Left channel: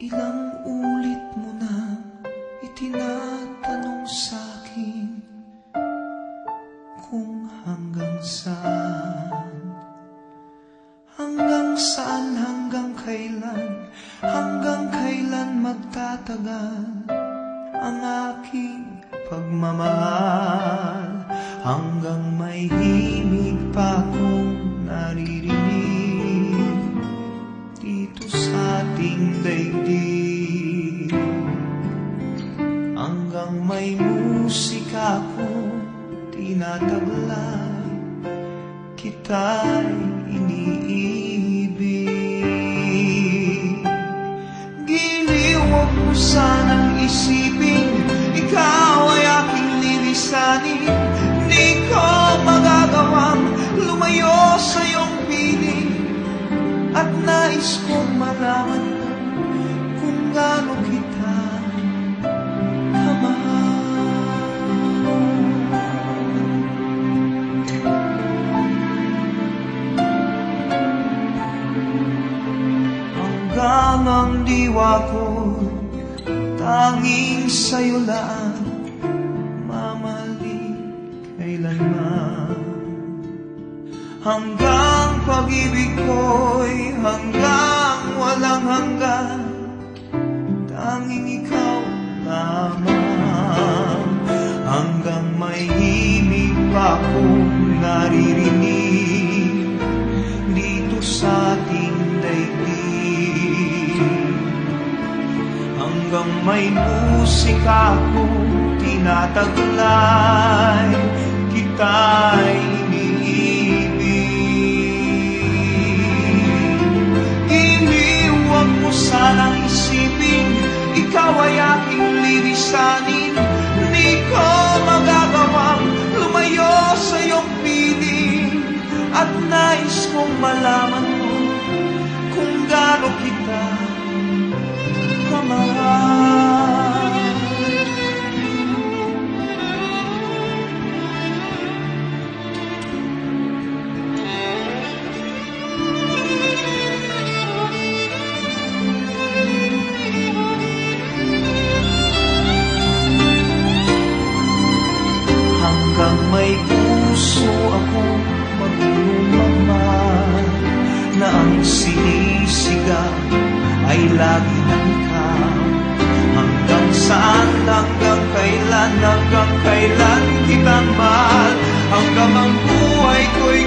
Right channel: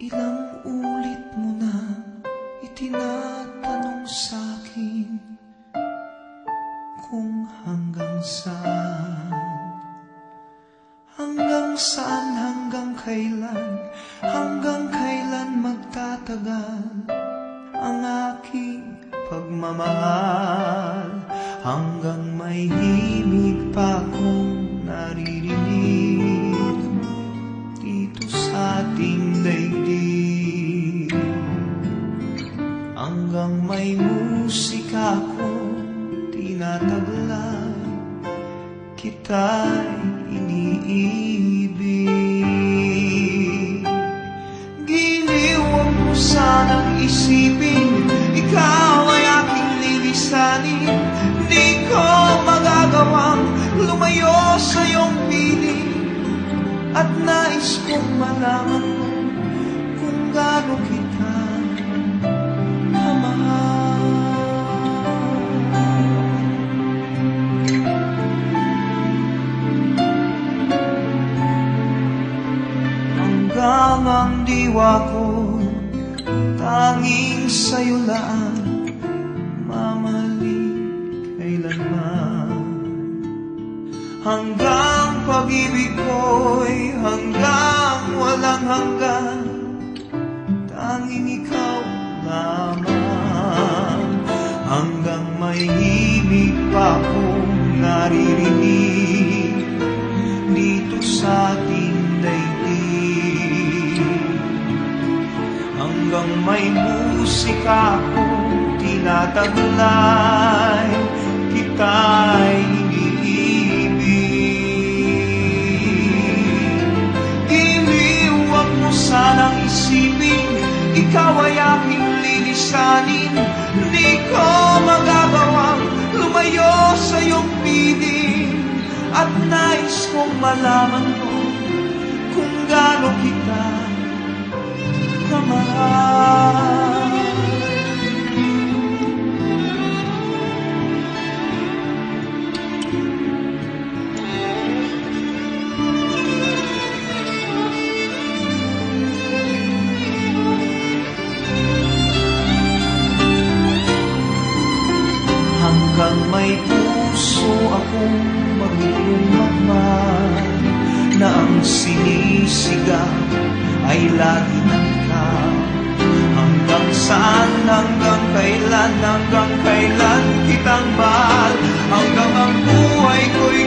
Ilang ulit mo nang itinatanong sa'kin kung hanggang saan, hanggang kailan magtatagal ang aking pagmamahal, hanggang may himig pa akong naririnig dito sa ating daigdig, hanggang may musika akong tinataglay, kita'y iniibig. Giliw, huwag mo sanang isipin ikaw ay aking lilisanin. Di ko magagawang lumayo sa iyong piling, at nais kong malaman mo kung gaano kita kamahal. Hanggang ang diwa ko tanging sa'yo lang mamahalin kailanman. Hanggang pag-ibig ko'y hanggang walang hanggan, tanging ikaw lamang. Hanggang may himig pa akong naririnig dito sa ating daigdig, hanggang may musika akong tinataglay, kita'y iniibig. Giliw, huwag mo sanang isipin ikaw ay aking lilisanin. Di ko magagawang lumayo sa iyong piling, at nais kong malaman mo kung gaano kita kamahal. Hanggang may puso akong marunong magmahal, na ang sinisigaw ay lagi ng ikaw. Hanggang saan, hanggang kailan kitang mahal, hanggang ang buhay ko'y